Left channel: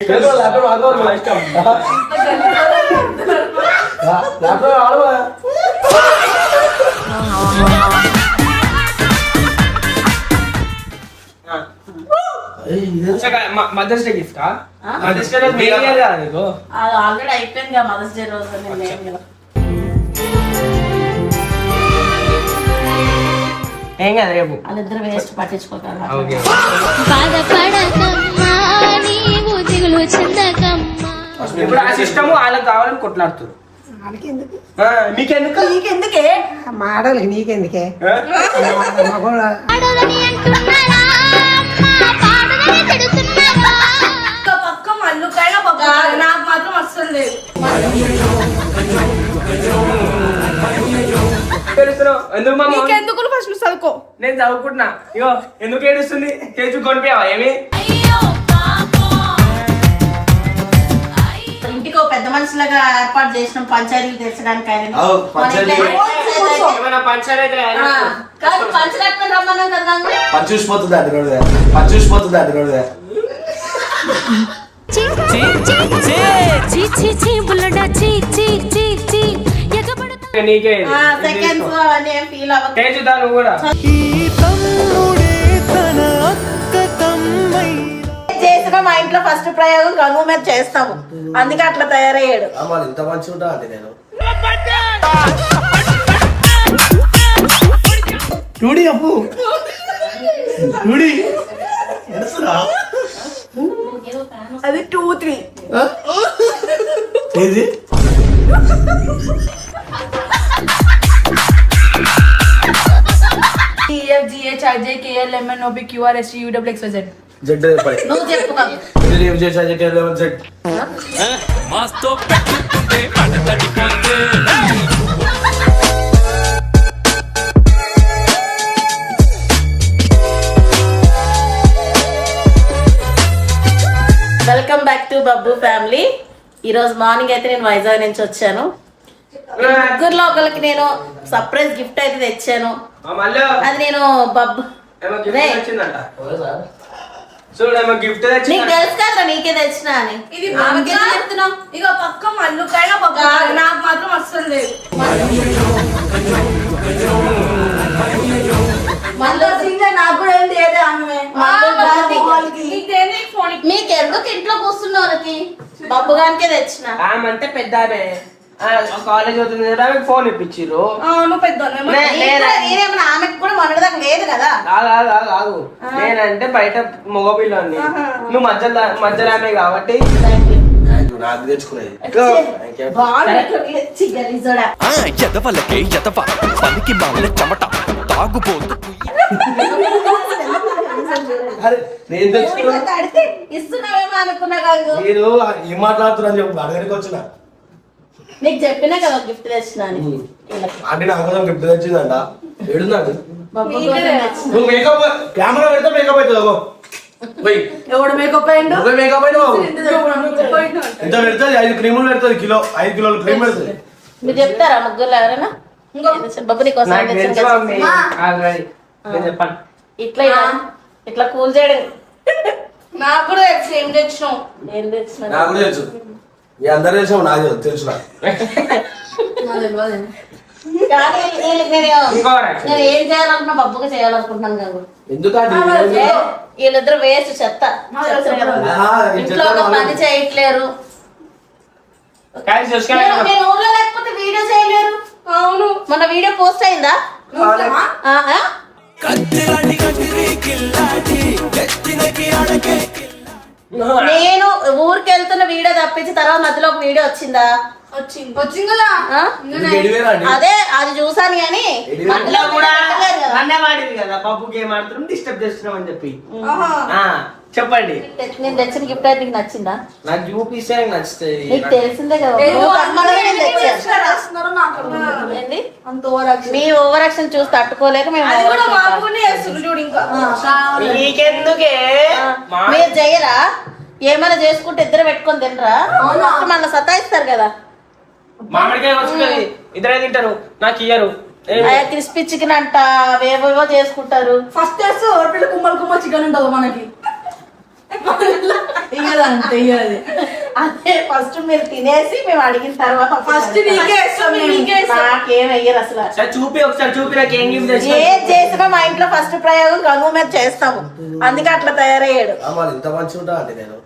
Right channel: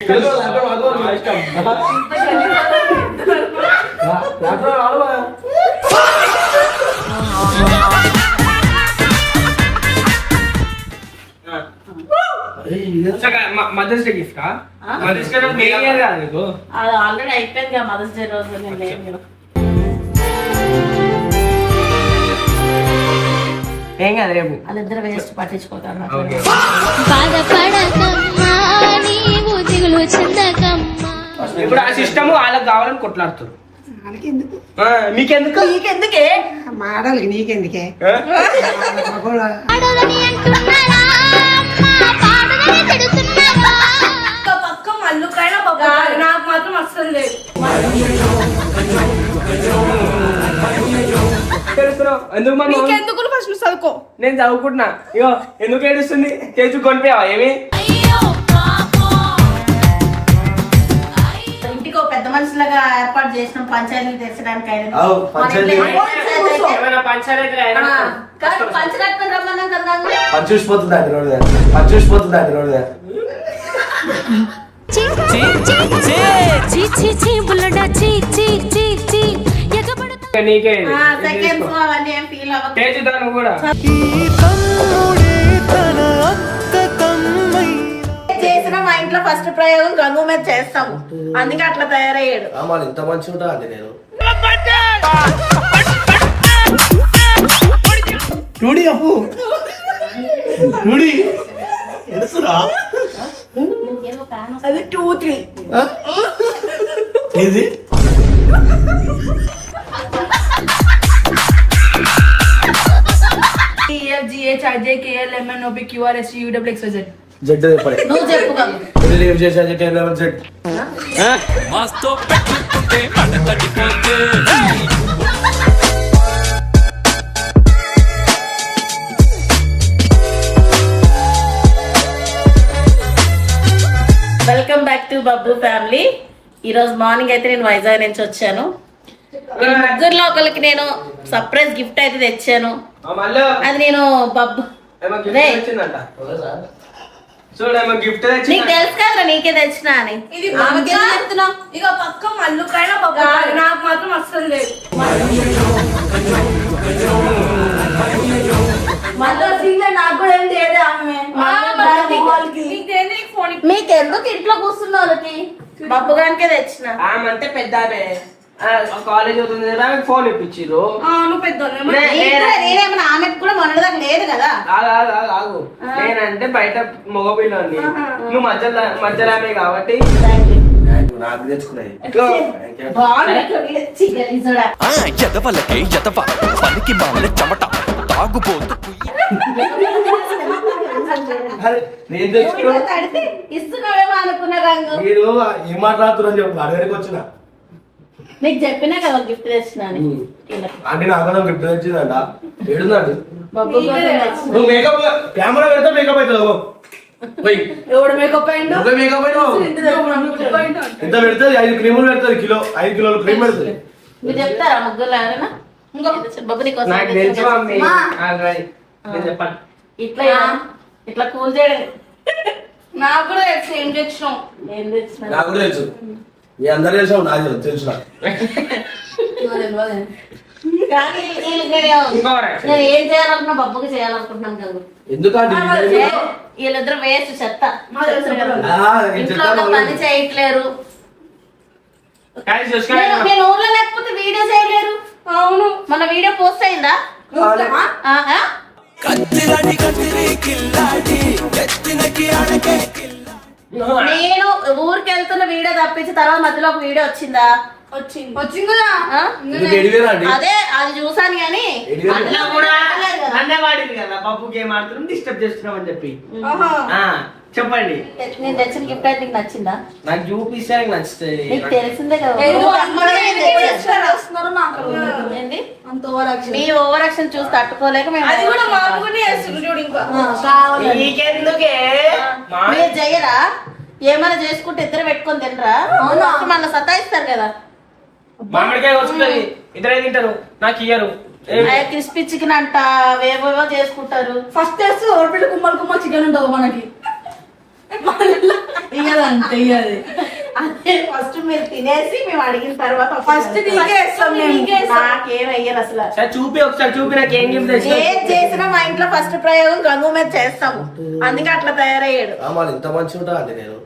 Mothers day gift mother's day రోజు అది already అయిపోయింది కదా మదర్స్ డే రోజు. ఏం కాదు రేపు వాళ్ళిద్దరు వేస్ట్ పట్టించుకోగలరు. ఇప్పుడు ఆ సిస్టమ్ వాళ్ళకి కావాలని కొట్లాడుతారు. నీకెందుకు నీకెందుకే మాడలు నీకెందుకే పక్క మల్లుకైనా నాకు మాత్రం అస్సలు లేదు. ఎందుకు ఫస్ట్ చదువుకో. నేను చదువుకుంటున్నా. ఇగో ఎందుకు ఏడుస్తుంది? చేసి కొనిపోయావా ఏమి? ఇంటికి పెద్ద మనుషులుగా ఏర్పాటు చేసిన పంచాయతీలు తెచ్చడానికి పంచరత్నం రమ్మన్నాం కదా. చూసిపోతుంది చేసిన మా ఇంట్లో ఫస్ట్ ప్రయోగం గంగు మీద చేస్తాము, అందుకే అట్లా తయారయ్యాడు. ఇంత మంచి ఉంటా అంటే నేను చూడి అప్పు చూడి ఎడుసురా అది 2, 3 ఏది జెడ్ నువ్వు చెప్పు కదా. Welcome back to Babbu family. ఈ రోజు మార్నింగ్ అయితే నేను వైజాగ్ నుంచి వచ్చాను. ముగ్గురులో ఒకరికి నేను సర్ప్రైజ్ గిఫ్ట్ అయితే తెచ్చాను. అది నేను బబ్బు నీకు తెలుసు కదా, నీకే తెచ్చినా అని. ఇది ఇక పక్క మల్లుకైనా నాకు మాత్రం అస్సలు లేదు. మీకు ఎందుకు ఇంట్లో కూర్చున్న వాళ్ళకి బబ్బు గానికే తెచ్చిన. అంటే పెద్ద కాలేజ్ అవుతుంది కదా, ఫోన్ ఇప్పించారు. నేనేమన్నా ఆమెకు కూడా మొన్నటిదాకా లేదు కదా. నేనంటే బయట మగపిల్లని, నువ్వు మధ్యలో కాబట్టి నాకు తెచ్చుకున్నాయి. పనికి మామల చెమట తాగుపోతు ఇస్తున్నావేమో అనుకున్నా కాదు. మీరు ఏం మాట్లాడుతున్నా చెప్పు, అడగడానికి వచ్చిన. నీకు చెప్పినా కదా గిఫ్ట్ తెచ్చినా అని. అంటే నాకు గిఫ్ట్ తెచ్చిందంట. ఏడుందండి బబ్బు కోసం తెచ్చిన. నువ్వు మేకప్ కెమెరా పెడతా మేకప్ అవుతుంది. ఎవడు మేకప్ అయ్యిండు? మేకప్ ఇంత పెడుతుంది, 5 క్రీములు పెడుతుంది, 5 కిలోల క్రీమ్ పెడుతుంది. మీరు చెప్తారా ముగ్గురు ఎవరైనా? బబ్బు నీకోసం ఇట్లా ఇట్లా కూల్ చేయడం. నాకు కూడా తెలుసు ఏం తెచ్చినాం. ఏం తెచ్చిన? నాకు కూడా తెలుసు, మీ అందరూ తెలుసు, నాకు తెలుసు. నేను ఏం చేయాలనుకున్నా బబ్బుకి చేయాలనుకుంటున్నాను కదా. ఎందుకంటే వీళ్ళిద్దరు వేస్ట్ చెత్త. ఇంట్లో పని చేయట్లేరు. నేను ఊర్లో లేకపోతే వీడియో చేయలేరు. అవును, మొన్న వీడియో పోస్ట్ అయిందా? నేను ఊరికి వెళ్తున్న వీడియో తప్పించి తర్వాత మధ్యలో ఒక వీడియో వచ్చిందా? వచ్చింది కదా. అదే అది చూసాను కానీ అందులో కూడా నన్నే వాడింది కదా, పప్పు గేమ్ ఆడుతున్నాం డిస్టర్బ్ చేస్తున్నాం అని చెప్పి. చెప్పండి, నేను తెచ్చిన గిఫ్ట్ అయితే నీకు నచ్చిందా? నాకు చూపిస్తే నచ్చుతుంది. నీకు తెలిసిందే కదా. మీ ఓవర్ యాక్షన్ చూసి తట్టుకోలేక మేము మీరు చెయ్యరా? ఏమైనా చేసుకుంటే ఇద్దరు పెట్టుకొని తినరా? నన్ను సతాయిస్తారు కదా. మామిడికాయ వస్తుంది, ఇద్దరే తింటారు, నాకు ఇయ్యరు. క్రిస్పీ చికెన్ అంట, వేవేవో చేసుకుంటారు. ఫస్ట్ కుమ్మలు కుమ్మ చికెన్ ఉండదు మనకి. అదే ఫస్ట్ మీరు తినేసి మేము అడిగిన తర్వాత ఫస్ట్ నీకే ఇస్తాం మేము. నాకేం అయ్యారు అసలు. సరే చూపి ఒకసారి చూపి నాకు ఏం గిఫ్ట్ తెచ్చిన ఏం చేసినా మా ఇంట్లో ఫస్ట్ ప్రయోగం గంగు మీద చేస్తాము, అందుకే అట్లా తయారయ్యాడు. మరి ఇంత మంచిగా ఉంటా అది నేను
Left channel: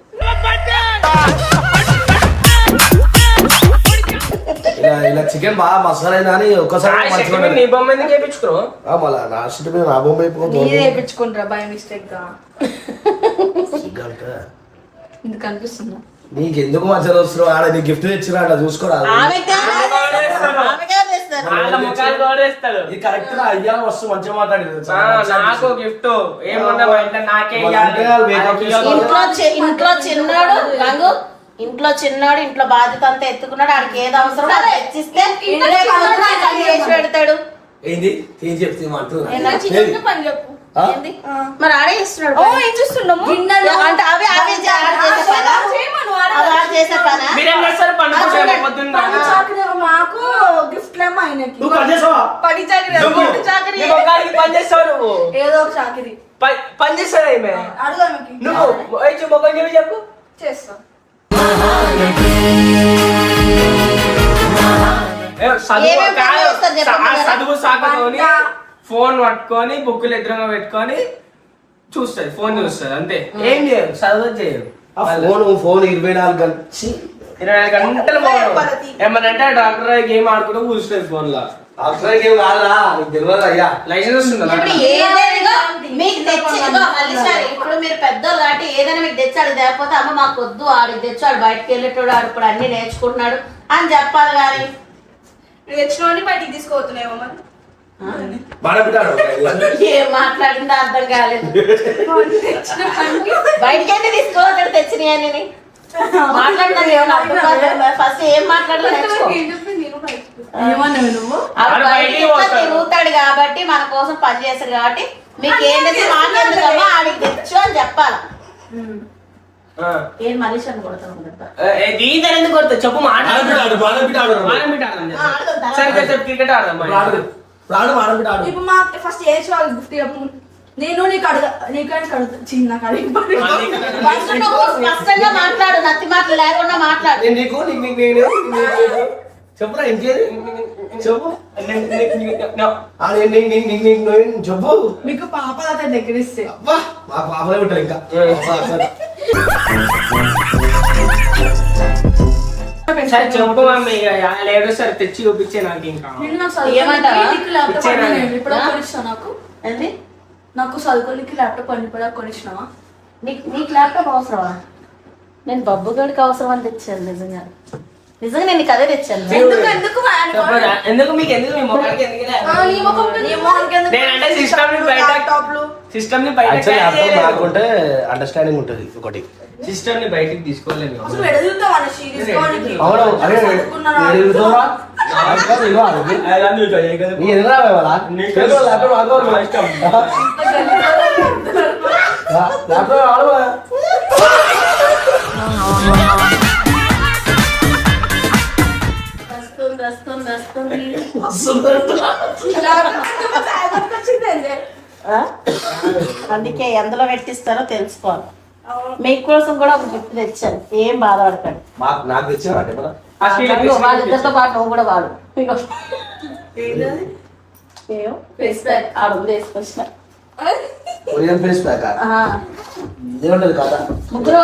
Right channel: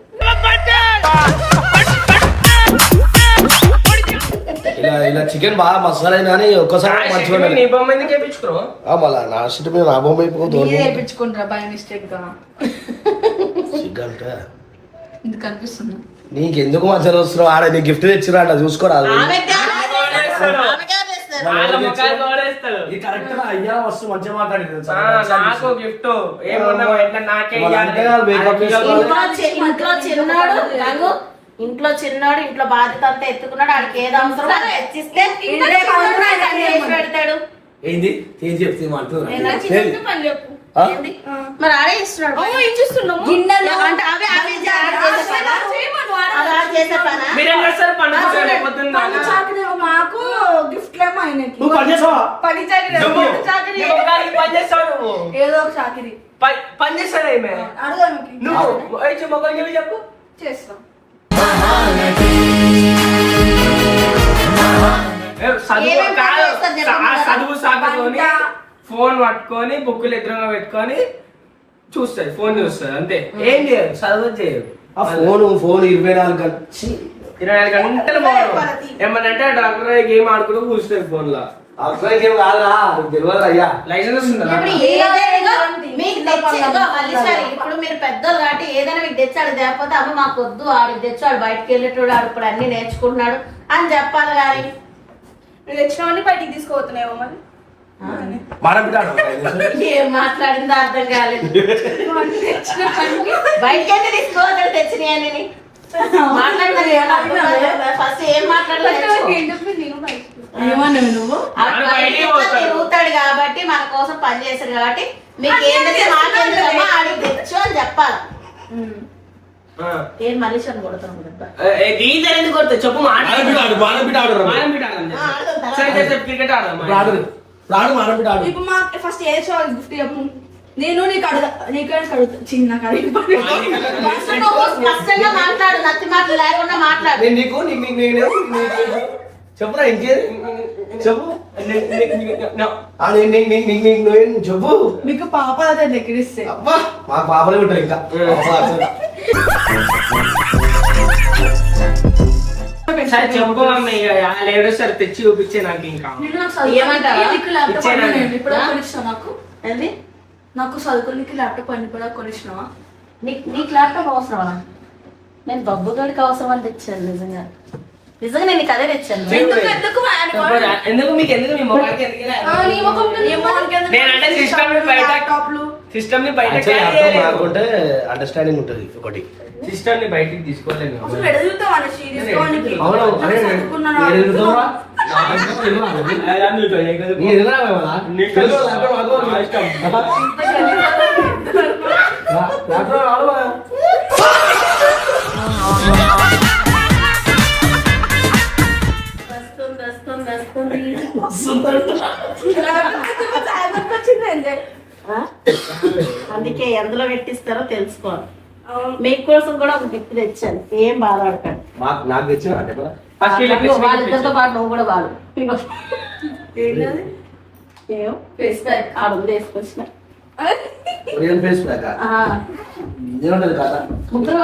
ఇలా చికెన్ బాగా మసాలా కానీ ఒక్కసారి మంచిగా ఉండదు. నీ బొమ్మ ఎందుకు వేయించుకున్నావు? మళ్ళా నా షిట్ మీద నా బొమ్మ అయిపోతుంది నేర్పించుకుంటారా బై మిస్టేక్ గా సిగ్గంటే ఇందుకు అనిపిస్తుంది. నీకెందుకు మంచిగా వస్తున్నావు? ఆడ నీ గిఫ్ట్ తెచ్చిరా అట్లా చూసుకోరాదు. వాళ్ళ ముఖాలు గౌరవిస్తాడు. ఇది కరెక్ట్ గా అయ్యా వస్తు మంచిగా మాట్లాడింది. నాకు గిఫ్ట్ ఏమన్నా మా ఇంట్లో నాకే ఇంట్లో చిన్నాడు గంగు, ఇంట్లో చిన్నాడు, ఇంట్లో బాధ్యత అంతా ఎత్తుకున్నాడు. ఆడికి ఏది అవసరం అది తెచ్చిస్తే చేసి పెడతాడు. ఏంది ఏం చెప్తే పని చెప్పు. మరి ఆడే ఇస్తున్నాడు. ఓ ఏం చూస్తున్నాము అంటే అవే అవే చేసే పనా? మీరేం చేస్తారు? పండుగ పొద్దున్న మాకు గిఫ్ట్ లేమో ఆయనకి నువ్వు పని చేసావా? పని చాకరీ నీ ముఖానికి పని చేస్తావు నువ్వు. ఏదో ఒక చాకరీ పని చేస్తాడు ఈమె. అడుగు ఆమెకి. నువ్వు ముఖం చెప్పి చెప్పు. చేస్తాం. చదువు సాగుతోని ఫోన్ పట్టుకొని బుక్కులు ఎదురుగా పెట్టుకొని చూస్తుంది, ఫోన్ చూస్తుంది అంతే. ఏం చేయదు, చదువు చేయదు. ఫోన్ 24 గంటలు 24 గంటలు ఫోన్. ఏమనంటే డాక్టర్ గేమ్ ఆడుకుంటూ కూర్చుంటుంది ఫోన్ లో. అసలు ఏం కాదురా, నీకు తెలియదు అయ్యా. లైసెన్స్ వస్తుందా? ఇప్పుడు ఏదైనా మీకు తెచ్చి ఇప్పుడు మీరు పెద్దోళ్ళు కాబట్టి ఏదైనా మీకు తెచ్చాడు, లేకపోతే అమ్మ మాకు వద్దు ఆడికి తెచ్చాడు, బయటకు వెళ్ళేటోడు ఆడు ఇప్పుడు అన్ని నేర్చుకుంటున్నాడు అని చెప్పాలి. కానీ నువ్వు తెచ్చినవన్నీ బయటికి తీసుకోవతున్నాయేమో మరి. ఏం మాట్లాడిందో అర్థం కాలేదు. బయటకైతే తీసుకోవద్దు తెచ్చినాయని మాట్లాడినా ఫస్ట్ ఏం మాట్లాడలేదు. నువ్వు తిరుగుతాడు కాబట్టి మన కోసం పని చేస్తాడు కాబట్టి మీకు ఏంటంటే మాట్లాడదామా ఆడికి తెచ్చు అని చెప్పాలి. ఏం మనిషి అని కొడతాను ఎందుకు కొడతా చెప్పు. క్రికెట్ ఆడదాం. ఇప్పుడు మా ఫస్ట్ ఏ షో గిఫ్ట్ చెప్పు. నేను నీకు అడుగుతా చిన్న మాట్లాడు, నత్తి మాటలు లేకుండా మాట్లాడు. చెప్పురా ఇంకేది చెప్పు. చెప్పు. మీకు పాప దగ్గర ఇస్తే మా పాపలే ఉంటాయి ఇంకా. సరే చెప్పు మమ్మీ, లేదు సార్ తెచ్చి చూపించే నాకు ఇంకా నాకు చదువుకోనికి ల్యాప్టాప్ అని కూడా కొనిచ్చినావా? నీకు ల్యాప్టాప్ అవసరమా? నేను బబ్బుగడికి అవసరం అని తెచ్చాను. నిజంగా నేను నీకు అదే తెచ్చాను. ఎందుకు మీకు ఎందుకు మీ మొక్కడికి నేనంటే సిస్టమ్ ని బయట అండర్స్టాండింగ్ ఉంటుంది. ఒకటి సిస్టమ్ ని బయటికి తీసుకోలేము. అందుకే ఎందులో పెట్టిస్తారో తెలుసుకోవాలి. మీకోసం కూడా ఒక గిఫ్ట్ తెచ్చాను, ఏం బాధపడతాడు. నాకు తెచ్చిన వాళ్ళిద్దరితో పాటు నువ్వు కూడా వాడు తీసుకొచ్చిన ముగ్గురు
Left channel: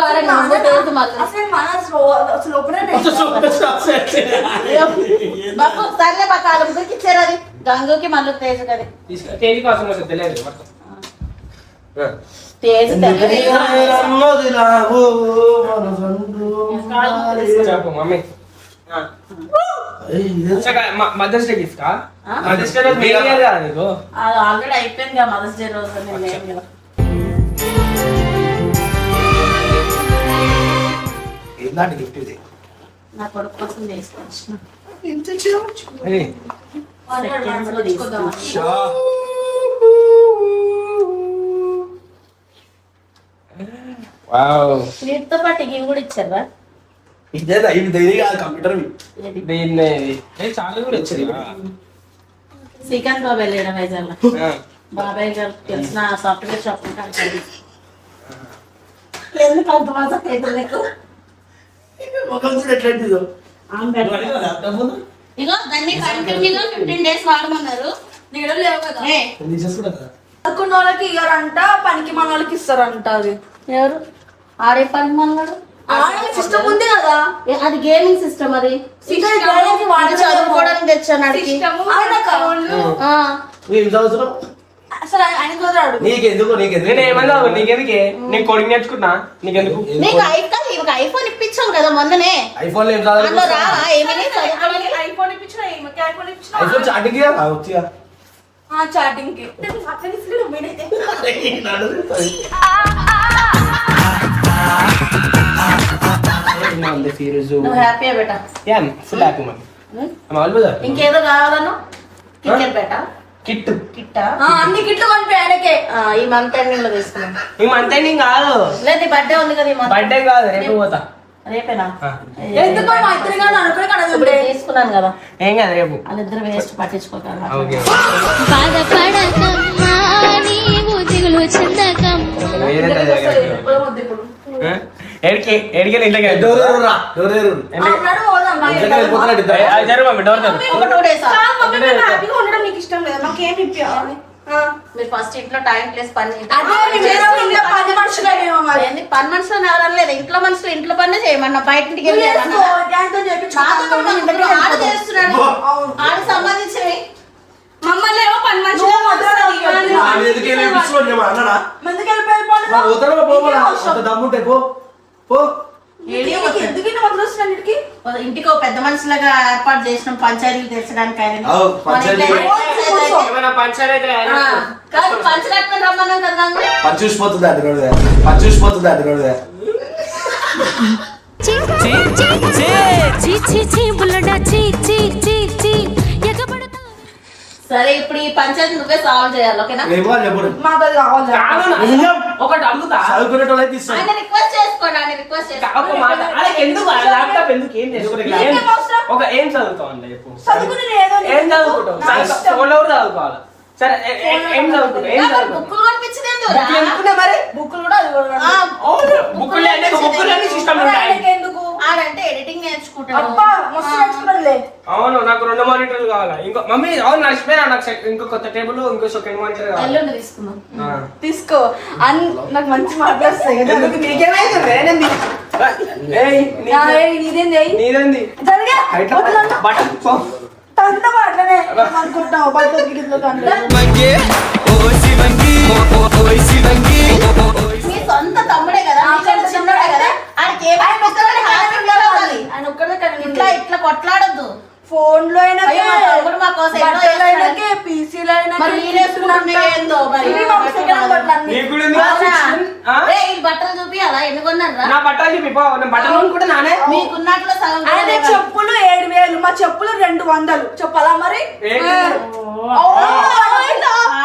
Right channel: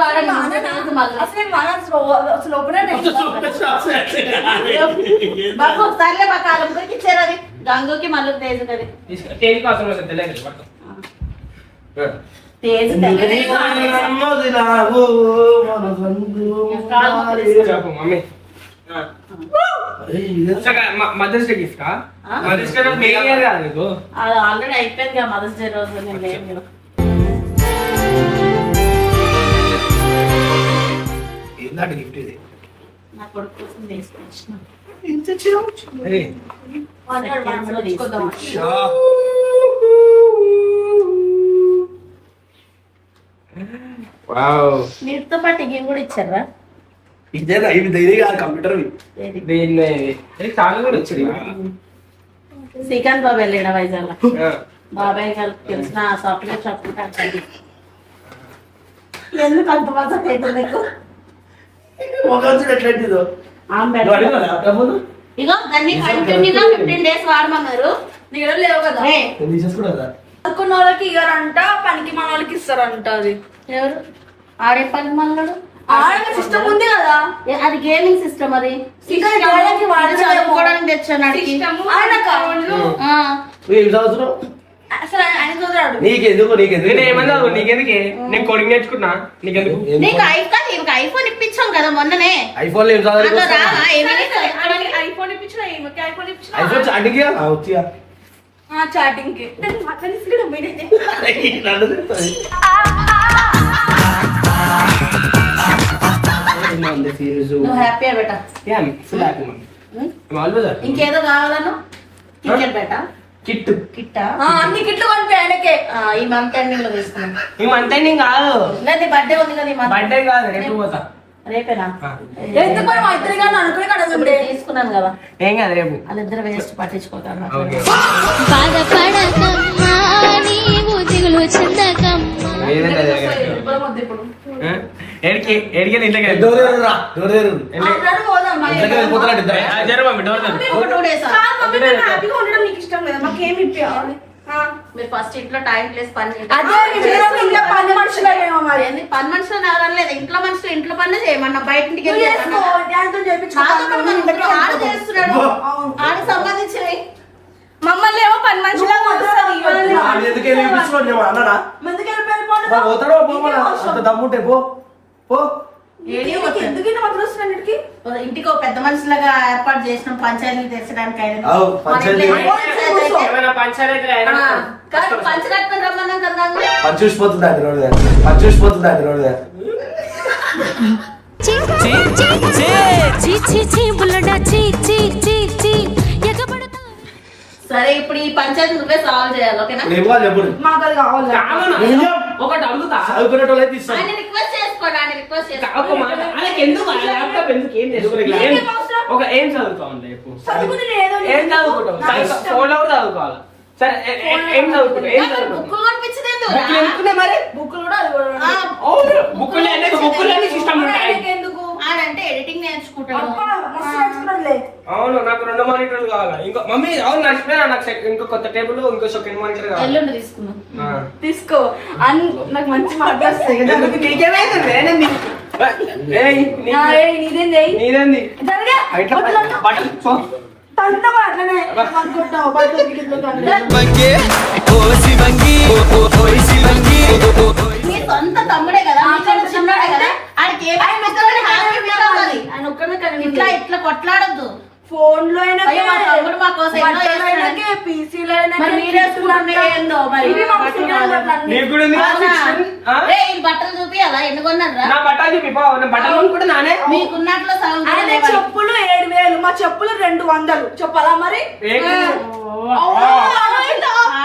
సర్లే మా కాలం ముగ్గురికి ఇచ్చారు. అది గంగుకి మళ్ళీ తేజు కదా mother's day gift. Mother's day రోజు అది ఆల్రెడీ అయిపోయింది కదా. మదర్స్ డే రోజు నేను ఏంటంటే గిఫ్ట్ ఇది నా కొడుకు కోసం తీసుకొచ్చిన. వీటితో పాటు ఇవి కూడా ఇచ్చారా? ఇదేనా ఇవి ధైర్యం కాదు, కంప్యూటర్ చాలా కూడా వచ్చింది. శ్రీకాంత్ బాబాయ్ వెళ్ళాడు వైజాగ్ లో. బాబాయ్ గారు తెలిసిన సాఫ్ట్వేర్ షాప్ ఎందుకు అంత మజాక్ అవుతుంది నీకు? ఒక వచ్చిన ఎట్లంటే ఇదో. ఆమె నువ్వు అడిగావా ల్యాప్టాప్ ముందు? ఇగో దాన్ని కంటిన్యూగా 15 days వాడమన్నారు. నీ దగ్గర లేవు కదా ఏ, నేను తీసేసుకున్నా కదా. అనుకున్న వాళ్ళకి ఇయ్యారంట, పనికి మన వాళ్ళకి ఇస్తారంట. అది ఎవరు ఆడే పని మన్నాడు? సిస్టమ్ ఉంది కదా, అది గేమింగ్ సిస్టమ్. అది చదువుకోవడానికి తెచ్చాను అడిగి. ఆయనకా? నువ్వు ఏం చదువుతున్నావు? అసలు ఆయన చదువుతాడు. నీకెందుకు నేను ఏమన్నా నీకెందుకే? నేను కోడింగ్ నేర్చుకున్నా, నీకెందుకు? నీకు ఐఫోన్ ఇప్పించాం కదా మొన్ననే. ఐఫోన్ లో ఏం చదవాలి? అందులో రావా ఏమీ చదువుకోవడానికి? ఐఫోన్ ఇప్పించిన ఈమెకి ఐఫోన్ ఇప్పించిన ఐఫోన్ చాటింగ్ వచ్చిగా చాటింగ్ కి నువ్వు హ్యాపీయా బేటా? ఇంకేదో కావాలను? కిట్ బేటా? కిట్టు కిట్టా? అన్ని కిట్లు కొనిపి ఆయనకే. ఈ మంత్ ఎండింగ్ లో తీసుకున్నాం. ఈ మంత్ ఎండింగ్ కాదు, లేదు బర్త్డే ఉంది కదా ఈ మంత్. బర్త్డే కాదు, రేపు పోతా. రేపేనా? ఎందుకో మా ఇద్దరు కానీ అనుకుని కడగండి. తీసుకున్నాను కదా, ఏం కాదు రేపు. వాళ్ళిద్దరు వేస్ట్ పట్టించుకోగలరా? ఓకే. బాధపడకమ్మా నీవు దిగులు చెందకమ్మా. ఎడికెళ్ళి ఇంట్లోకి డోర్ తెరువురా, డోర్ తెరువు. ఇంట్లోకి వెళ్ళిపోతున్నాడు ఇద్దరు. ఒక 2 days హ్యాపీగా ఉండడం నీకు ఇష్టం లేదా? మాకు ఏమి ఇప్పించాలి? మీరు ఫస్ట్ ఇంట్లో టైం ప్లేస్ పని చేయండి. ఇంట్లో పని మనుషులేమో మరి. ఏంది పని మనుషులు ఎవరు లేదు, ఇంట్లో మనుషులు ఇంట్లో పని చేయమన్నా, బయట ఇంటికి వెళ్ళి చేయమన్నా? దాంతో ఆడు చేస్తున్నాడు, ఆడు సంబంధించినవి. మమ్మల్ని ఏమో పని మనుషులు ఆయన ఎందుకే నేర్పిస్తున్నాడు నేను అన్నాడా? ముందుకు వాడు పోతాడో పోమలా? అంత దమ్ముంటే పో పో. ఎందుకు ఇన్ని మొదలు వస్తున్నాయి? ఇంటికి ఒక పెద్ద మనుషులుగా ఏర్పాటు చేసిన పంచాయతీలు తెచ్చడానికి ఆయన. అవు, మన ఇంట్లో పంచాయతీ. ఏమైనా పంచాయతీ కాదు, పంచ కట్టుకుని రమ్మన్నాం కదా. పని చూసిపోతుంది అంటే రోడ్డు మీద. పని చూసిపోతుంది అంటే రోడ్డు మీద. చీ చీ చీ బుల్లడా చీ చీ చీ చీ ఎగబడతా. సరే ఇప్పుడు ఈ పంచాయతీ నువ్వే సాల్వ్ చేయాలి, ఓకేనా? ఏమో చెప్పు. మాకు అది కావాలి. ఒకటి అడుగుతా, చదువుకునేటోళ్ళు అయితే ఇస్తాను. ఆయన రిక్వెస్ట్ చేసుకోండి, ఆయన రిక్వెస్ట్ ఒక మాట. ఎందుకు ల్యాప్టాప్ ఎందుకు? ఏం చదువుకోలేదు. ఒక ఏం చదువుతావు అండి? చదువుకుని ఏదో ఏం చదువుకుంటావు? ఫోన్ ఎవరు చదువుకోవాలి? సరే ఏం చదువుకుంటావు? ఏం చదువుకుంటావు? బుక్కులు కొనిపించింది ఎందుకు? బుక్కులు ఎందుకున్నా మరి? బుక్కులు కూడా అది కూడా ఆ, బుక్కులు అన్ని సిస్టమ్ ఉంటాయి. ఎందుకు? ఆడంటే ఎడిటింగ్ నేర్చుకుంటాడు. అబ్బా మస్తు నేర్చుకున్నాడులే. అవును, నాకు 2 మానిటర్లు కావాలా. ఇంకో మమ్మీ అవును నడిచిపోయినా, నాకు ఇంకో కొత్త టేబుల్ ఇంకో సెకండ్ మానిటర్ కావాలి. ఎల్లుండి తీసుకుందాం. తీసుకో నాకు మంచి మాటలు వస్తాయి. నీదేంది? నీదేంది బటన్ అంతా అట్లనే అనుకుంటున్నావు. బట్టలు గిట్లు మీ సొంత తమ్ముడే కదా, మీకంటే చిన్నోడే కదా, ఆడికి ఏమైనా హ్యాపీ ఫీల్ అవ్వాలి. ఆయన ఒక్కడే కానీ ఇట్లా ఇట్లా కొట్లాడొద్దు. ఫోన్ లో అయినా అయ్యో, మా తమ్ముడు మా కోసం ఎన్నో చేస్తున్నాడు. పీసీలో మరి మీరు వేసుకుంటుంటే ఏందో మరి. నీకు కూడా ఉంది కదా section? ఆ? ఈ బట్టలు చూపియాలా? ఎన్ని కొన్నారా? నా బట్టలు చెప్పి నా బట్టలు కొనుక్కుంటే నానే మీకున్నట్లు సగం కూడా ఆయన లేవా? చెప్పులు 7,000, మా చెప్పులు 200. చెప్పాలా మరి?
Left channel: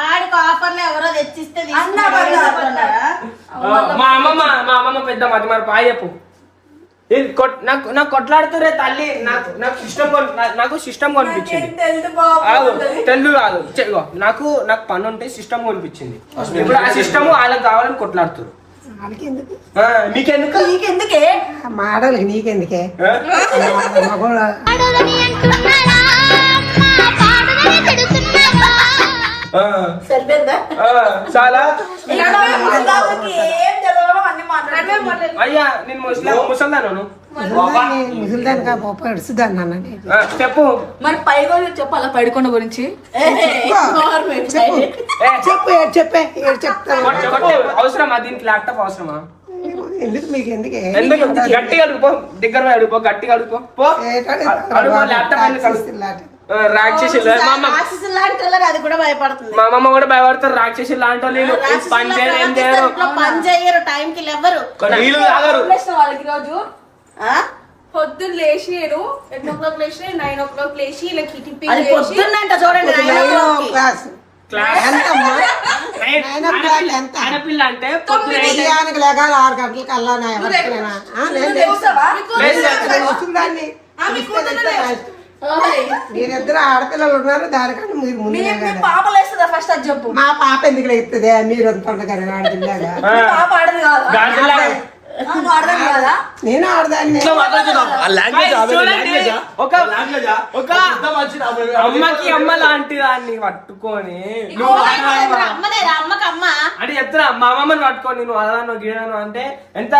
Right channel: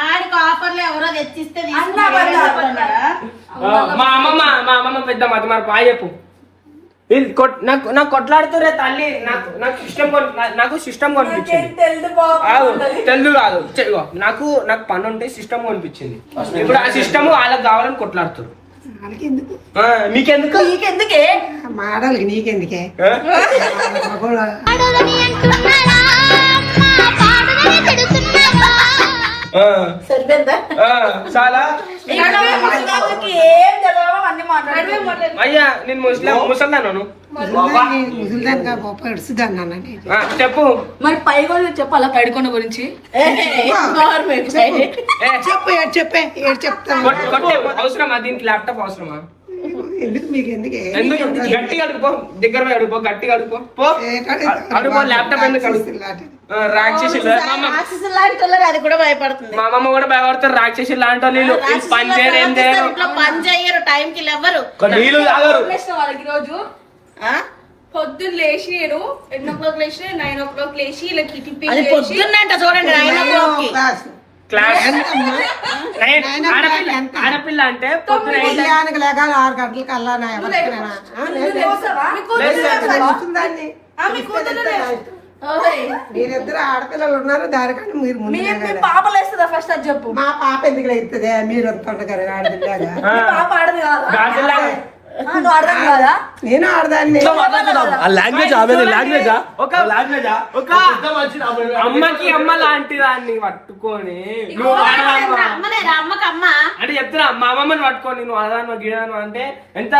ఆడికి ఆఫర్లు ఎవరో తెచ్చిస్తే అన్నా కదా. మా అమ్మమ్మ పెద్ద మతి మరి పాయ చెప్పు. నాకు కొట్లాడుతురే తల్లి. నాకు సిస్టమ్ కొనిపించింది. తెలుగు కాదు, నాకు పని ఉంటే సిస్టమ్ కొనిపించింది. ఇప్పుడు ఆ సిస్టమ్ వాళ్ళకి కావాలని కొట్లాడుతురు. నీకెందుకు? నీకెందుకే? మాడలకి నీకెందుకే? మగోళ్ళ పాడదని అంటున్నారా అమ్మా, పాడదని తిడుతున్నారా? సరిపోయిందా? చాలా ఏం తెలవో అన్ని మాట్లాడు. అయ్యా నేను ముసల్దాను. ముసలిదానికా పప్పు ఎడుచుదాన్ని అన్నది. చెప్పు మరి పైగా చెప్పాలా పైడుకొండ గురించి? చెప్పు ఏడు చెప్పే ఏడు చెప్తాను. కొట్టే అవసరమా? దీనికి ల్యాప్టాప్ అవసరమా? ఎందుకు మీకు ఎందుకే? ఎందుకు? గట్టిగా అడుగుపో, దగ్గర పోయి అడుగుపో, గట్టిగా అడుగుపో. అడుగుపో, ల్యాప్టాప్ ఎందుకు అడుగు? రాక్షసి అది కూడా భయపడుతుంది. మా అమ్మమ్మ కూడా భయపడతారు. రాక్షసి లాంటి వాళ్ళు పని చేయరు, ఏం చేయరు. ఇంట్లో పని చేయరు, టైం కి లేవరు. నీళ్ళు తాగరు. వాళ్ళకి రోజు పొద్దున్న లేచి 8 o'clock లేచి 9 o'clock లేచి ఇలా టిఫిన్ అది పొద్దున్నంట చూడండి 9 o'clock కి. క్లాస్ ఎంతమ్మా? ఆడపిల్ల అంటే పొద్దున ఉదయానికి లేగాలి 6 గంటలకు అల్లా నా ఎవరికైనా మీరిద్దరు ఆడపిల్లలు ఉన్నారు, దానికన్నా మీరు ముందు. పాప లేస్తుందా ఫస్ట్ అది చెప్పు. మా పాప ఎందుకు లేస్తుంది? మీరు పండుగ ఆడపిల్లగా పాప ఆడదు కాదు. నువ్వు అర్థం కదా నేను ఆడదాన్ని ఇట్లా మాట్లాడుతున్నావు. ఆ లాంగ్వేజ్ లాంగ్వేజా ఒక అమ్మకి అమ్మ లాంటి దాన్ని పట్టుకొని నువ్వు ఆడదానివా? అమ్మనేరా అమ్మకి అమ్మ అంటే చెప్తున్నా మా అమ్మమ్మని పట్టుకొని నువ్వు అదాను గీదాను అంటే ఎంత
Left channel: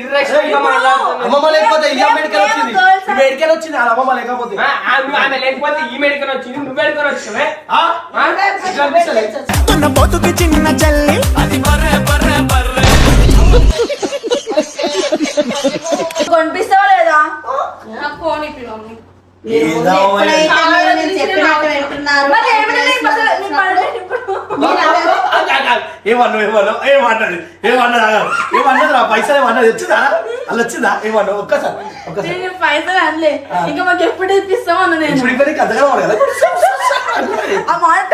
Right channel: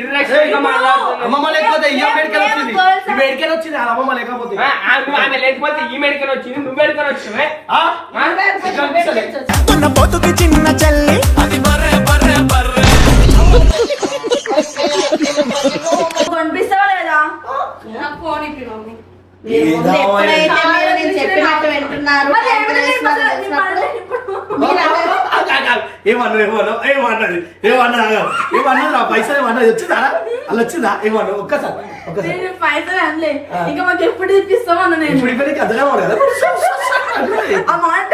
ఇర్రెస్పెక్ట్ గా మాట్లాడుతున్నావు. అమ్మమ్మ లేకపోతే ఈ మెడికల్ వచ్చింది ఈ మెడికల్ వచ్చింది వాళ్ళ అమ్మమ్మ లేకపోతే నువ్వు ఆమె లేకపోతే ఈ మెడికల్ వచ్చింది నువ్వు మెడికల్ వచ్చినావే ఇట్లా అనిపిస్తలే? మన బతుకి చిన్న చల్లి అది బర్రె బర్రె బర్రె కనిపిస్తావా లేదా నాకు ఫోన్ ఇప్పి మమ్మీ ఎప్పుడైతే మీరు నేను చెప్పినట్టు వింటున్నారు మరి ఏమైనా నీ పక్కన నీ పక్కన ఏమన్నది రా పైసలు ఏమన్నది వచ్చిందా అలా వచ్చిందా ఏమన్నా ఒక్కసారి నేను పైసలు అనలే ఇంకా మాకు ఎప్పుడు ఇప్పిస్తావు అన్న నేను ఇప్పుడు ఇక్కడికి అర్థం కావాలి కదా ఆ మాట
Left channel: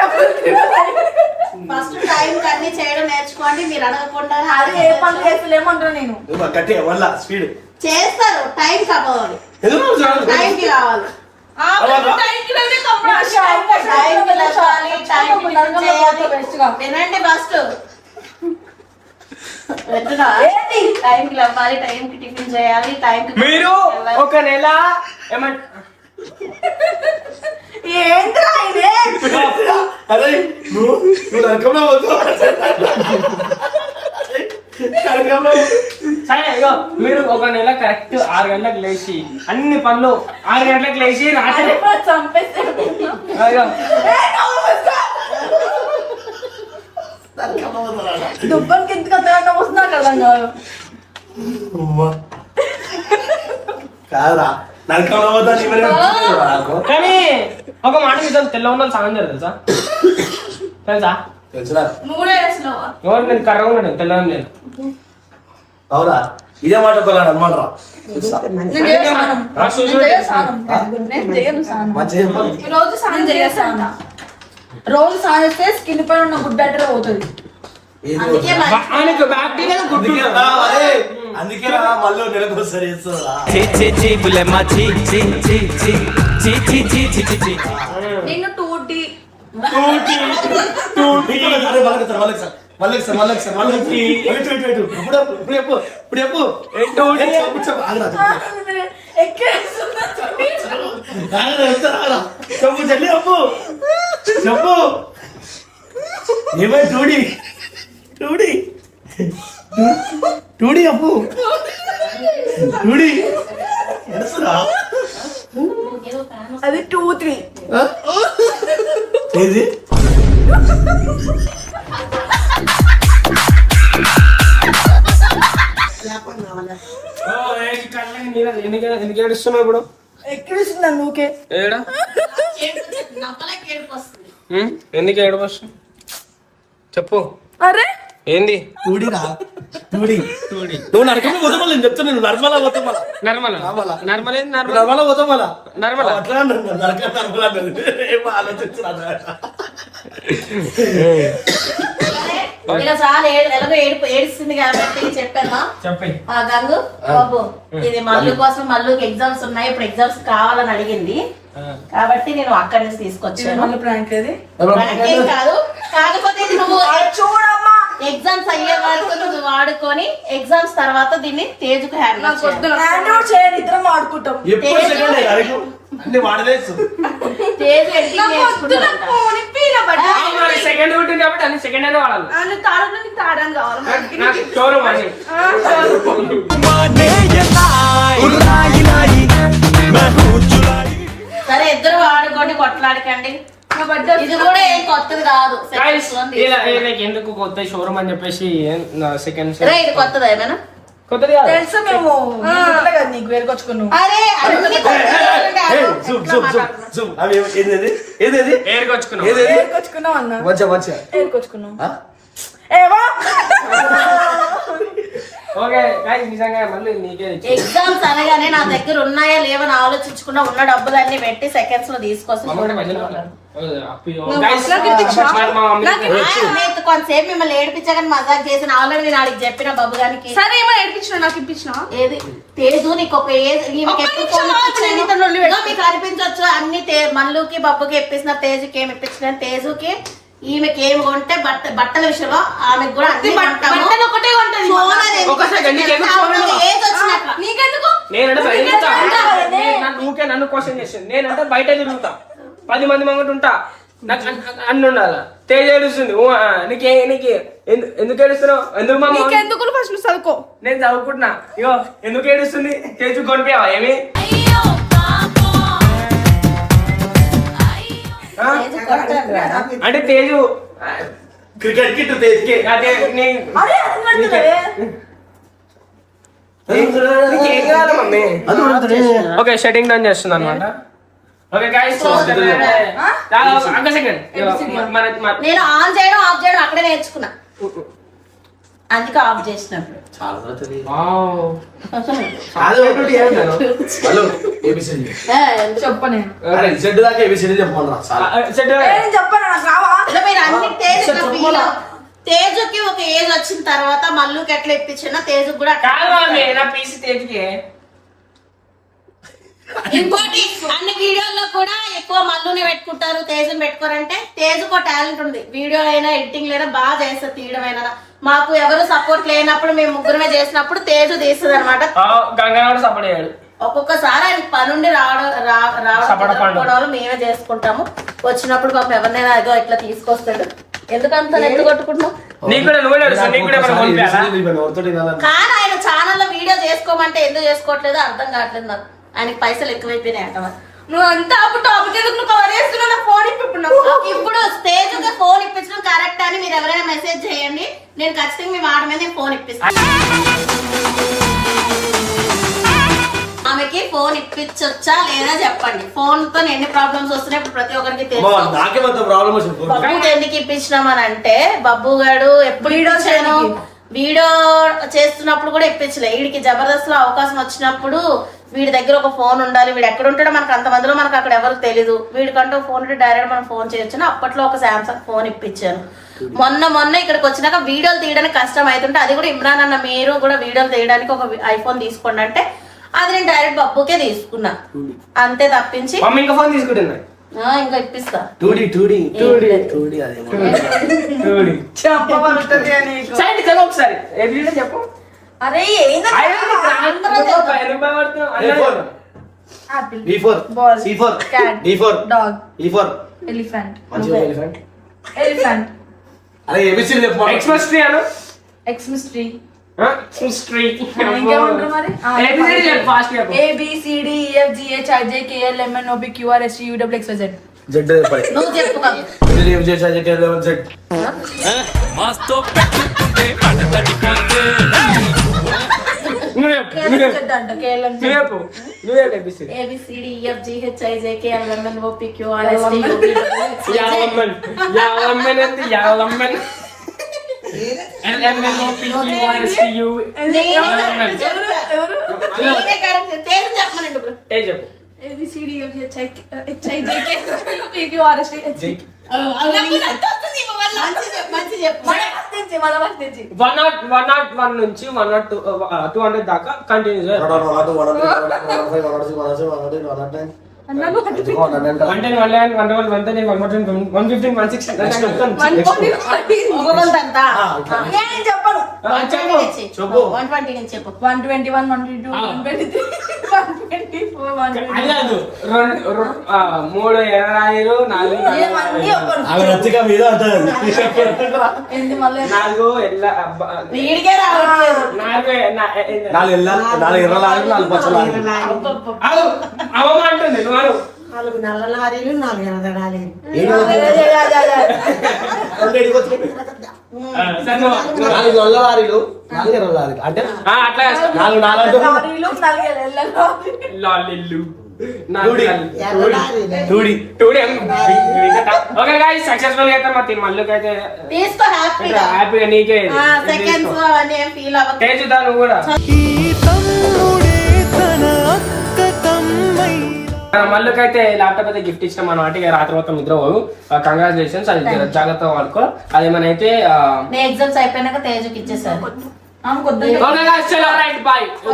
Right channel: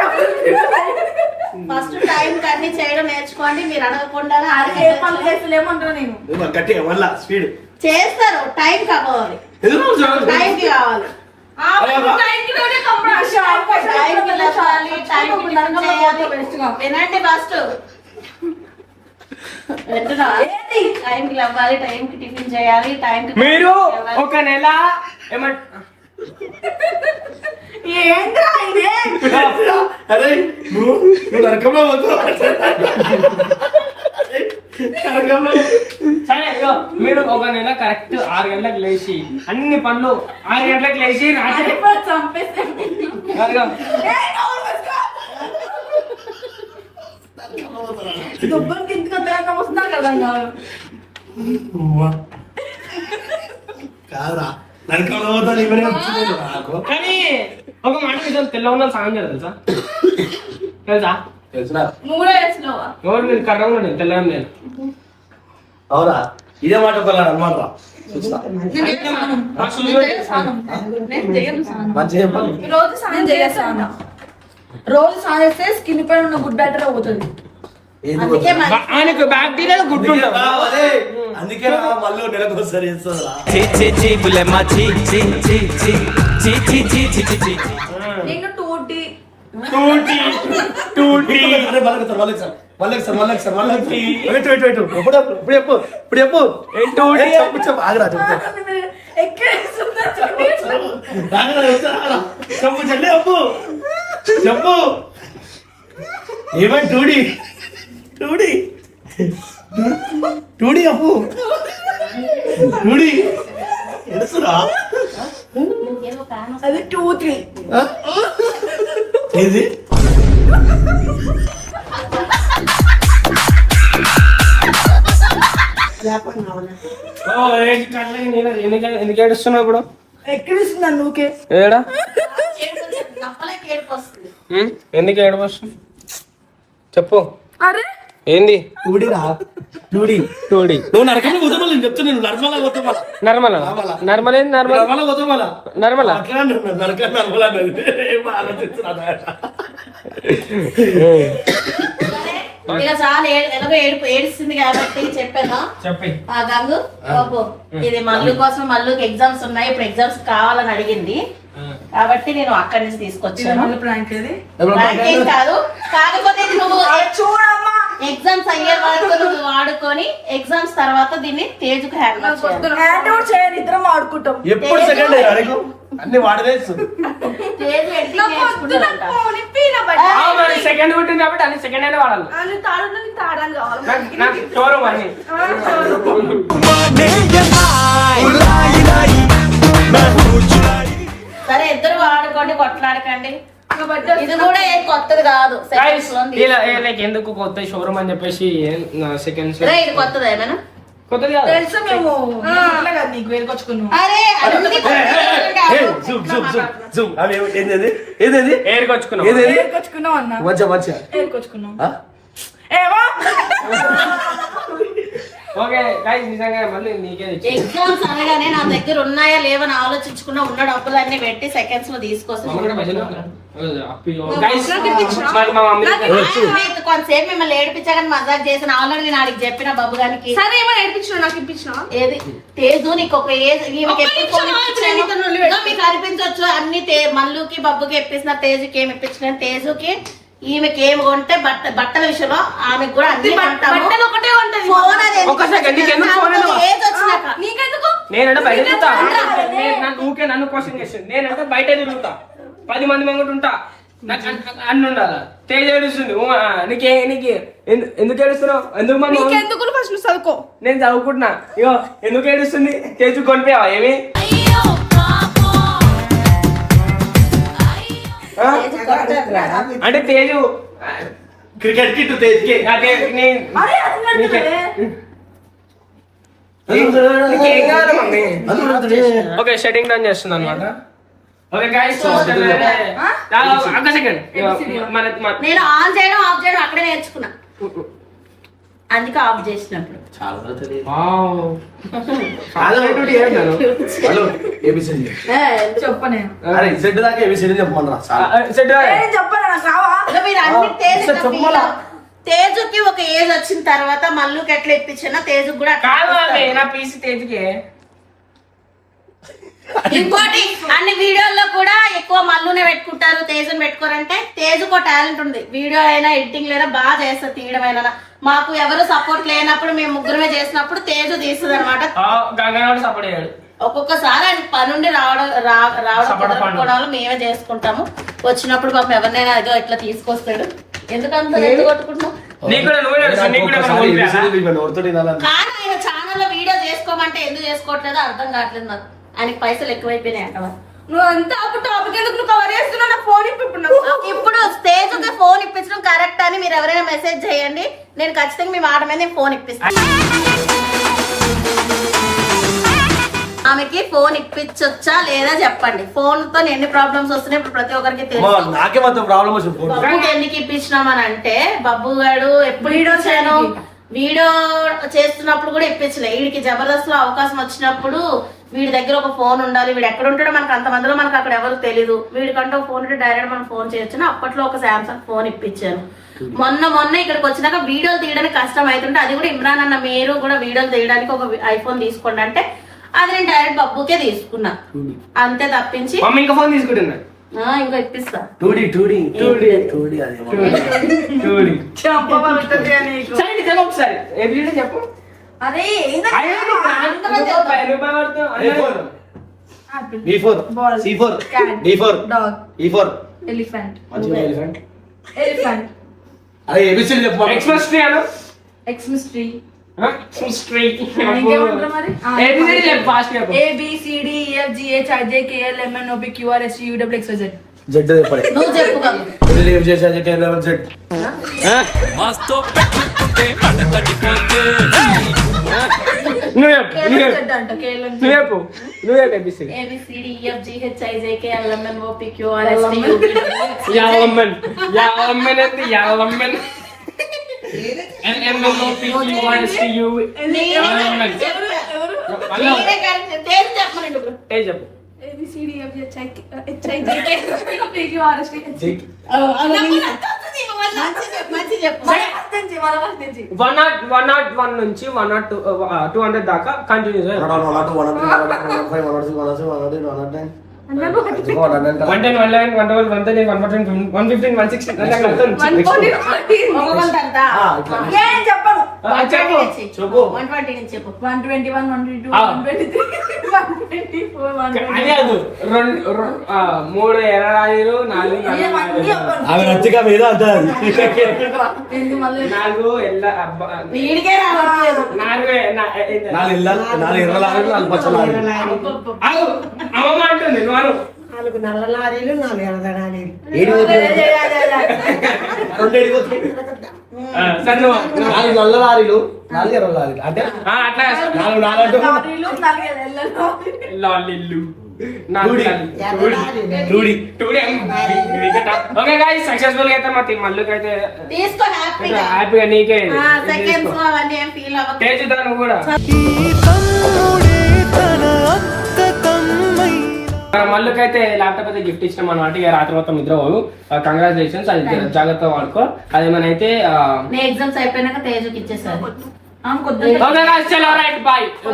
ఫస్ట్ టైం అన్ని చేయడం నేర్చుకోండి మీరు అడగకుండా అదే ఏ పనులు చేస్తలేమంటారా నేను గట్టి వల్ల స్పీడ్ చేస్తారు టైం కావాలి టైంకి కావాలి టైంకి లేవాలి, టైంకి టిఫిన్ చేయాలి. వినండి ఫస్ట్ టైంకి లేవాలి, టైంకి టిఫిన్ చేయాలి, టైంకి మీరు ఒక నెల ఏమంట ఏంద్రా ఇదే అరే నువ్వు నరకంలో పోతావు సరే ఇగో మీరు ఒక నెల కరెక్ట్ 6 గంటలకు లేచి అన్ని పనులు 6 గంటలకు లేచి రాత్రి చంపేస్తే ఇగో, దుబ్బకి ఇంతకంత వస్తున్నా కదా కాదు కాదురా నరకంలో పోతాను ఇవన్నీ వచ్చింది నాకు కానీ ఒక మాట నిజం తెల్ల ఉన్న సాయం చేయదు తెలుసా తెలుసా తెలుసురా నువ్వు వేసినావా ఎవరు నేను కర్ర ఉన్నాడు తెల్లడం లేదు అవునా ఇదే మాట ఒకలాడు అనమాట రా మంచిగా చెప్పాలి రోజు స్నానం చేస్తాను రోజు స్నానం చేస్తే స్కిన్ పైన ఉన్న గుడ్ బ్యాక్టీరియా పోతుంది అందుకే మరి ఆయనకు బ్యాక్టీరియా గుడ్డు అందుకే మళ్ళీ నెలకోసారి చేస్తారా చి చి చి బులెమ్మ చి చి చి చి చి చి చి చి చి చి నిన్ను టూటీ చెప్పు ఏమై టూడి టూడి టూడి అప్పు టూడి ఎడుసురా అది 2-3 ఏది ఎందుకు ఏడుస్తున్నావు ఇప్పుడు ఎక్కిరిస్తుంది నువ్వుకే ఏడా నమ్మలేక ఏడుపు వస్తుంది. ఎందుకు ఏడవస్తుంది చెప్పు అరే ఏంది టూడిరా టూడి టూడి నువ్వు నరకమే పోతావు నేను చెప్తాను నేను నర్మలా పోతావు మళ్ళా నర్మల నర్మల్ ఏంది నర్మల్ నర్మలా పోతావు మళ్ళా నర్మల అట్లా నరక నర్మలా ఏమో ఆలోచిస్తున్నా ఇక చాలా ఎలాగో ఏడుస్తుంది కాబట్టి చెప్పాను చెప్పి ఆ గంగు బాబు ఇది మల్లు కోసం మల్లుకి ఎగ్జామ్స్ ఉన్నాయి ఇప్పుడు ఎగ్జామ్స్ కావాలని అడిగింది కాబట్టి నేను అక్కడి నుంచి తీసుకొచ్చాను మళ్ళీ ప్రాంక్ అది నాకేం కాదు కాకపోతే ఇది నువ్వు చూడమ్మా ఎగ్జామ్స్ అయ్యే వరకు నువ్వు వాడుకొని ఎగ్జామ్స్ తర్వాత దీన్ని తేజుకు హ్యాండ్ చేయాలి హ్యాండ్ అవుట్ చేయండి ఇద్దరం ఆడుకుంటాం ఎప్పుడు సెకండ్ అడిగి అన్ని వాడలేదు తేజు ఎడిటింగ్ నేర్చుకుంటాడంట సెకండ్ ఉంటుంది కాబట్టి అన్ని సెకండ్ అయినా వాడాలి నాకు షోరూమ్ అని సరే ఇద్దరు వాడుకోండి కొట్లాడకండి ఇది కూడా ఏం కొత్తది కాదు Guys, సెకండ్స్ like ఎందుకు కొత్త షోరూమ్ అని చెప్పేసి సెకండ్స్ ఇది కొత్తది ఏమైనా కొత్తది కాదు తెలుసు మేము గుర్తులే కదా నీకు వేరుకొచ్చుకున్నావు అరే అన్ని ఏదేది ఏడుకొచ్చుకున్నాం ఏదేది వేరుకొచ్చుకున్నావు అన్న మంచిగా మంచిగా వేరుకొచ్చుకున్నాం ఏవా ఓకే గైస్ నిజంగా మళ్ళీ నీకే తెచ్చి ఎగ్జామ్స్ అనగానే నా దగ్గర ఉన్నాయా లేవని ఆలోచించకుండా ఉన్న డబ్బులన్నీ పెట్టి సెకండ్స్ లో తీసుకొస్తాను కొంతసేపు మిమ్మల్ని ఏడిపించగానే మజాక్ చేసిన ఆల్రెడీ నేను ఆడికి చెప్పిన బాబు గారికి సరే ఏమో ఏడిపించిన నాకు ఇప్పించినా ఏది తేజు నీకు ఒక ఏజ్ ఈమెకి ఎప్పుడు ఫోన్ ఇప్పించాను మీకు అనిపించవచ్చు అన్ని మల్లుకి బబ్బుకి ఇప్పిస్తున్నారు తేజుకి ఏమి ఇప్పించిన తేజుకి ఈమెకి ఏమి కొంటే బట్టల విషయంలో ఆమెకు కూడా అన్ని కొంటాము. బట్టలు ఒకటే కొంటది. ఫోన్ అది ఒక సెకండ్, నీకెందుకు ఫోన్ ఇవ్వను? ఏజ్ వచ్చినాక నీకెందుకు? నేనంటే బయట తిరుగుతా. ఊకే నన్ను క్వశ్చన్ చేస్తుంది. నేనంటే బయట తిరుగుతా, 10 మంది ముంగట ఉంటా, నాకు అన్ని ఉండాలి. తేజ్ ఏడుస్తుంది. నీకు ఎందుకు ఏడుస్తున్నావు? ఎందుకు మా నీకెందుకు? ఫస్ట్ నువ్వు చదువుకో. నేను చదువుకుంటున్నా. ఇగో ఎందుకు ఏడుస్తుంది? తేజు కొనిపోయావా ఏమి? ఆ? అంటే తేజు క్రికెట్ కిట్ తేజ్కి అదే నీకేం కాదు మమ్మీ. ఓకే, షటింగ్ డౌన్ చేస్తుంది అనమాట. ఓకే గైస్, ఒక సెకండ్. నేను ఆన్ చేయడం ఆఫ్ చేయడం అక్కడే నేర్చుకున్నా, అందుకే ఆఫ్ చేసినప్పుడు. హలో ఏబిసిడి చెప్పనే అరే జెడ్ దాకా ఏబిసిడి చెప్పమన్నా చెప్పను నాకు రావా? ఇక మీరు అన్ని తేజుకి ఒక ఏజ్ వచ్చిన తర్వాత మల్లుకి ఎట్లా ఇప్పించినా తేజుకి కూడా అట్లా కాదు మమ్మీ, నా పీసీ తేజుకి. ఇంకోటి అన్ని వీడియోల్లో కూడా ఎక్కువ మల్లునే పెట్టుకుంటారు, తేజుని పెట్టుకోరంటే తేజుకో టాలెంట్ ఉంది. వీడియో అయినా ఎడిటింగ్ లేదా బాగా చేస్తారు, తీయడం అయినా. మాకు ఎవరు సపోర్ట్ లేనప్పుడు మేము ముగ్గురమే చేసినప్పుడు తేజు తీస్తుంది అనమాట. గంగారాడు సపోర్ట్ చేయాలి. ఒక్కొక్కసారి ఆయన పనుండి రావడం మేమే చేసుకుంటాము. వచ్చినప్పుడు పాపం ఎవరినైనా ఏదో ఇట్లా తీసుకొస్తాడు. ఎందుకంత ఎత్తు కొట్టుకుంటున్నాం? కానీ ఆయన ఛానల్లో వీడియో చేసుకోమంటే ఎందుకు చేసుకోవట్లేదు అర్థం కావట్లేదు నాకు. ఆయనకి పైసలు ఎక్కువైపోయినాయి అంట. నువ్వు అంతా అప్పుడు టాపిక్ ఎందుకు నువ్వు కవర్ చేస్తున్నావు? నా ఫోన్ ఇప్పుడు స్టేజ్ ఫోన్ ఇప్పించడం కరెక్ట్ అని మీరు ఎవరైనా మెసేజ్ చేయండి. నేను ఖచ్చితంగా మీ మాట మీద ఫోన్ ఇప్పిస్తాను. ఆమెకి ఫోన్ ఇప్పించొచ్చా లేదా చెప్పండి. ఫోన్ తో ఎన్ని ప్రాబ్లమ్స్ వస్తున్నాయి ఇప్పుడు ప్రతి ఒక్కరికి తెలుసు. నాకే మొత్తం ప్రాబ్లం వచ్చింది. బబ్బుకి ఎందుకు ఇప్పించినాం అని అంటే, బబ్బు గారు ఎప్పుడు ఇప్పించాను, వీడియో చేస్తున్నప్పుడు కూడా ఇప్పించలే. వీడికి జబర్దస్త్ లో అవకాశం వచ్చినప్పుడు వీడి దగ్గర ఒక ఫోన్ ఉండాలి. వీడు ఎక్కడ ఉంటాడో మనకు అంతమందిలో మనకు అక్కడ ఎవరు తెలియదు. వీడికంటే ఫోన్ ఉంటే డైరెక్ట్ మనం ఫోన్ చేయొచ్చు. అప్పట్లో ఒక శాంసంగ్ ఫోన్ ఇప్పించాను. మొన్న ఇక్కడికి వచ్చినాక వీడియోలు తీయడానికి కష్టం అవుతుంటే, అది కూడా ఇమ్రాన్ అన్న మీరు కూడా వీడియోలు తీయడానికి ఒక ఐఫోన్ తీసుకోండి అంటే అది నేను డైరెక్ట్ బబ్బుకే తీసుకున్నా. అంతే తప్పించి ఇంకా ఫోన్ తీసుకుంటున్నా. ఇంకా ఇప్పిస్తా. ఒకసారి చెప్పు. అరే ఎలిఫెంట్ అరే ఏబిసిడి చెప్పు. ఎక్స్‌ప్రెస్ ట్రీ అను. ఎక్స్‌ప్రెస్ ట్రీ జెడ్ నువ్వు చెప్పు కదా. మస్తు పెట్టుకుంటే పడతడిపోతే వన్ నుంచి 200 దాకా కంటిన్యూ 4 నల్ల లారీలు 4 ఎర్ర లారీలు. నల్ల లారీలు 4 ఎర్ర లారీలు అంటే ఓకే గైస్, సక్సెస్ఫుల్ గా అయితే మా మల్లుకి అయితే తీసుకో హ్యాపీగా. హ్యాపీగా నీకే సెకండ్స్ అవన్నీ ఏం ఫీల్ అవ్వకు. తేజుదా నువ్వు కూడా. మల్లుకైతే ల్యాప్టాప్ అయితే గిఫ్ట్ ఇచ్చినాం అన్నమాట. ఇక రాత్రి మొత్తం నిద్ర పోవు. కంగ్రాచులేషన్స్, అది జాగ్రత్తగా వాడుకో. అదేమనైతే ఎగ్జామ్స్ అయిపోయినాక తేజుకి ఇచ్చేసారు. ఓకే గైస్, చలో రైట్ బాయ్.